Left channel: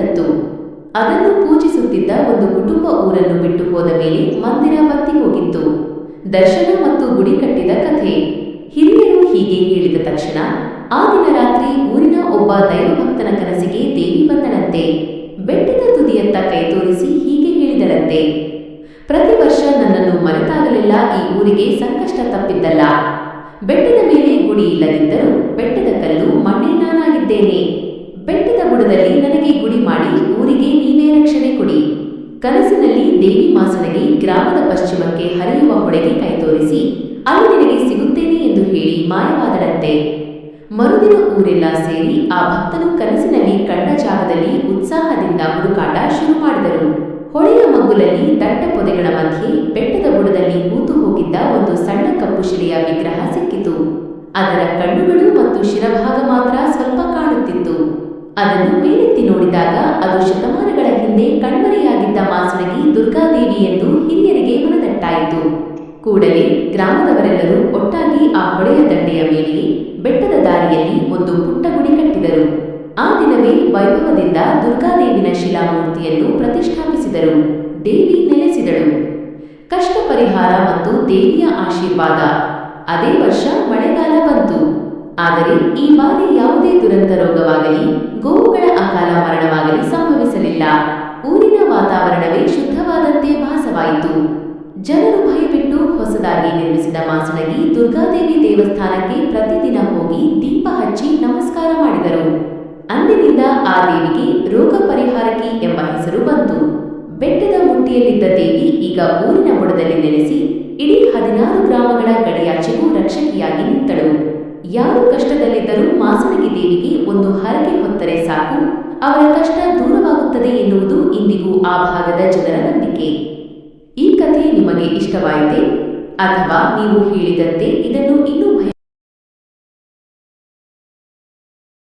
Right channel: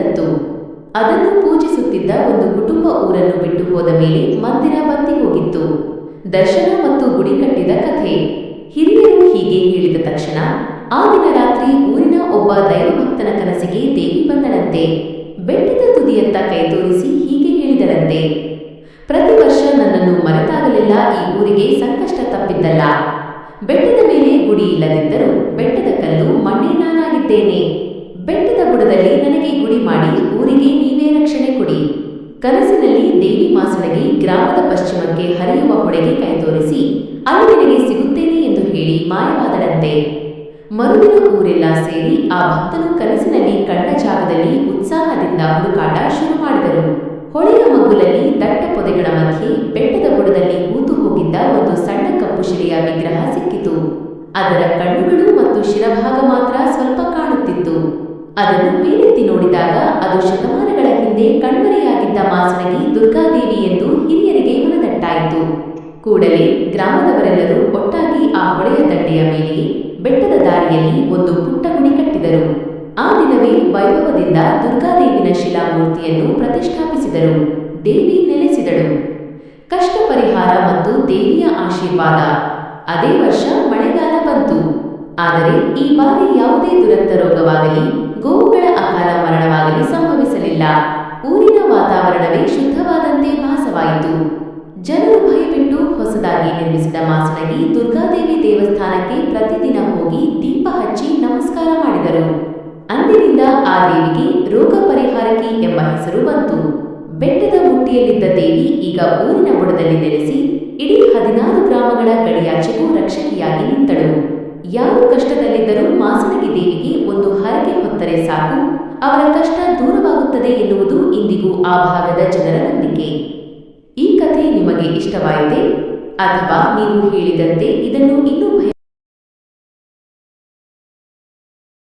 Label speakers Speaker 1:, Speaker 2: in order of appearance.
Speaker 1: ತತ್ತು ಅದನ್ನು ಪೂಜಿಸುತ್ತಿದ್ದ ಒಂದು ಕುಟುಂಬ ಊರನ್ನು ಬಿಟ್ಟು ಹೋದ ಮೇಲೆ ಮಂದಿರ ಬತ್ತಿ ಹೋಗಿತ್ತು. ದರ್ಶನ ಮತ್ತು ಗುಡಿ ಕಟ್ಟಿದ ಕಥೆ. ಹಿರಿಯರು ಹೀಗೆ ಹೇಳಿದ ತಕ್ಷಣ, ಆ ದಿನ ರಾತ್ರಿ ಊರಿನ ಒಬ್ಬ ದೈವಭಕ್ತನ ಕನಸಿಗೆ ದೇವಿ ಬಂದಳಂತೆ. ಬೆಟ್ಟದ ತುದಿಯತ್ತ ಕೈ ತೋರಿಸಿ ಹೀಗೆ ಹೇಳಿದಳಂತೆ. ಪ್ರತಿ ವರ್ಷ ನನ್ನನ್ನು ಮರೆತಾಗಲೆಲ್ಲ ಈ ಊರಿಗೆ ಸಂಕಷ್ಟ ತಪ್ಪಿದ್ದಲ್ಲ. ಬೆಟ್ಟದ ಮೇಲೆ ಗುಡಿ ಇಲ್ಲದಿದ್ದರೂ ಬೆಟ್ಟದ ಕಲ್ಲು ಮಣ್ಣೇ ನಾನಾಗಿದ್ದೇನೆ ಬೆಟ್ಟದ ನನಗೆ ಗುಡಿ ಮಾಡಿ ಊರಿಗೆ ನೀವೇ ರಕ್ಷಣೆ ಕೊಡಿ. ಕನಸಿನಲ್ಲಿ ದೇವಿ ಮಾಸಣಗೆ ಗ್ರಾಮದ ಪಶ್ಚಿಮಕ್ಕೆ ಹರಿಯುವ ಹೊಳೆಗೆ ಕೈ ತೋರಿಸಿ, ಅಲ್ಲಿ ನಿನಗೆ ಸಿಗುತ್ತೇನೆ ಎಂದು ಹೇಳಿ ಮಾಯವಾದಳಂತೆ. ಮರುದಿನ ಊರೆಲ್ಲ ಸೇರಿ ಆ ಭಕ್ತನು ಕನಸಿನಲ್ಲಿ ಕಂಡ ಜಾಗದಲ್ಲಿ ಉತ್ಸಾಹದಿಂದ ಹುಡುಕಾಟ ಶುರು ಮಾಡಿದರು. ಹೊಳೆಯ ಮಗ್ಗುಲಲ್ಲಿ ದಟ್ಟ ಪೊದೆಗಳ ಮಧ್ಯೆ ಬೆಟ್ಟದ ಬುಡದಲ್ಲಿ ಕೂತು ಹೋಗಿದ್ದ ಒಂದು ಸಣ್ಣ ಕಪ್ಪು ಶಿಲೆಯ ವಿಗ್ರಹ ಸಿಕ್ಕಿತು. ಅದರ ಕಣ್ಣುಗಳು ಮತ್ತು ಶಿರಭಾಗ ಮಾತ್ರ ಸ್ವಲ್ಪ ಕಾಣುತ್ತಿತ್ತು. ಅದನ್ನು ಮೇಲೆತ್ತಿ ನೋಡಿದಾಗ ಅದು ಶತಮಾನಗಳ ಹಿಂದೆ ಕಣ್ಮರೆಯಾಗಿದ್ದ ಮಾಸಣಗಿ ದುರ್ಗಾದೇವಿ ಎಂದು ಹಿರಿಯರಿಗೆ ಮನದಟ್ಟಾಯಿತು. ಕೂಡಲೇ ಗ್ರಾಮದವರೆಲ್ಲರೂ ಒಟ್ಟಾಗಿ ಆ ಹೊಳೆಯ ದಂಡೆಯ ಮೇಲೆ ಬೆಟ್ಟದ ದಾರಿಯಲ್ಲಿ ಒಂದು ಪುಟ್ಟ ಗುಡಿ ಕಟ್ಟಿದರು. ಆ ದಿನವೇ ವೈಭವದಿಂದ ದುರ್ಗಾದೇವಿನ ಶಿಲಾಮೂರ್ತಿಯನ್ನು ಪ್ರತಿಷ್ಠಾಪಿಸಿದರು. ದೇವಿ ನೆಲೆಸಿದಳು. ಕಷ್ಟ ಪರಿಹಾರ ಮತ್ತು ದೇವಿಯ ಆಶೀರ್ವಾದ. ಅದೇ ವರ್ಷ ಮಳೆಗಾಲ ಬಂತು. ಆದರೆ ಈ ಬಾರಿ ಯಾವುದೇ ದುರಂತ ರೋಗವಾಗಲಿ, ಗೋವುಗಳ ಅಕಾಲ ಮರಣವಾಗಲಿ ಸಂಭವಿಸಲಿಲ್ಲ. ಊರಿನ ವಾತಾವರಣವೇ ಶುದ್ಧವಾದಂತೆ ಭಾಸವಾಯಿತು. ಜನರು ಭಯಬಿಟ್ಟು ಹೊಸದಾಗಿ ನಿರ್ಮಿಸಿದ ಮಾಸಣಗಿ ದುರ್ಗಾದೇವಿ ದೇವಸ್ಥಾನಕ್ಕೆ ಪ್ರತಿದಿನ ಹೋಗಿ ದೀಪ ಹಚ್ಚಿ ನಮಸ್ಕಾರ ಮಾಡಿದರು. ಅಂದಿನಿಂದ ಆ ದೇವಿಗೆ ರೋಗ ಪರಿಹಾರಕಿ ಎಂಬ ಹೆಸರು ಬಂತು. ಬೆಟ್ಟದ ಮುಟ್ಟಿಯಲ್ಲಿದ್ದ ದೇವಿ ಈಗ ಊರಿನ ಬುಡದಲ್ಲಿ ನೆಲೆಸಿ ಇಡೀ ಹದಿನಾರು ಗ್ರಾಮಗಳ ಗಡಿಯಾಚೆಗೂ ರಕ್ಷಕಿಯಾಗಿ ನಿಂತಳು. ಯಾರು ಕಷ್ಟದಲ್ಲಿದ್ದರೂ ಮಾಸಣಗಿ ದೇವಿಗೆ ಒಂದು ಹರಕೆ ಹೊತ್ತರೆ ಸಾಕು. ಅವರ ಕಷ್ಟ ದೂರವಾಗುತ್ತದೆ ಎನ್ನುವುದು ಇಂದಿಗೂ ಆ ಭಾಗದ ಜನರ ನಂಬಿಕೆ. ಈ ಕಥೆ ನಿಮಗೆ ಇಷ್ಟವಾಯಿತೆ? ಅಥವಾ ನೀವು ಹೇಳಿದಂತೆ ಇದನ್ನು ಇನ್ನೂ ಭಯ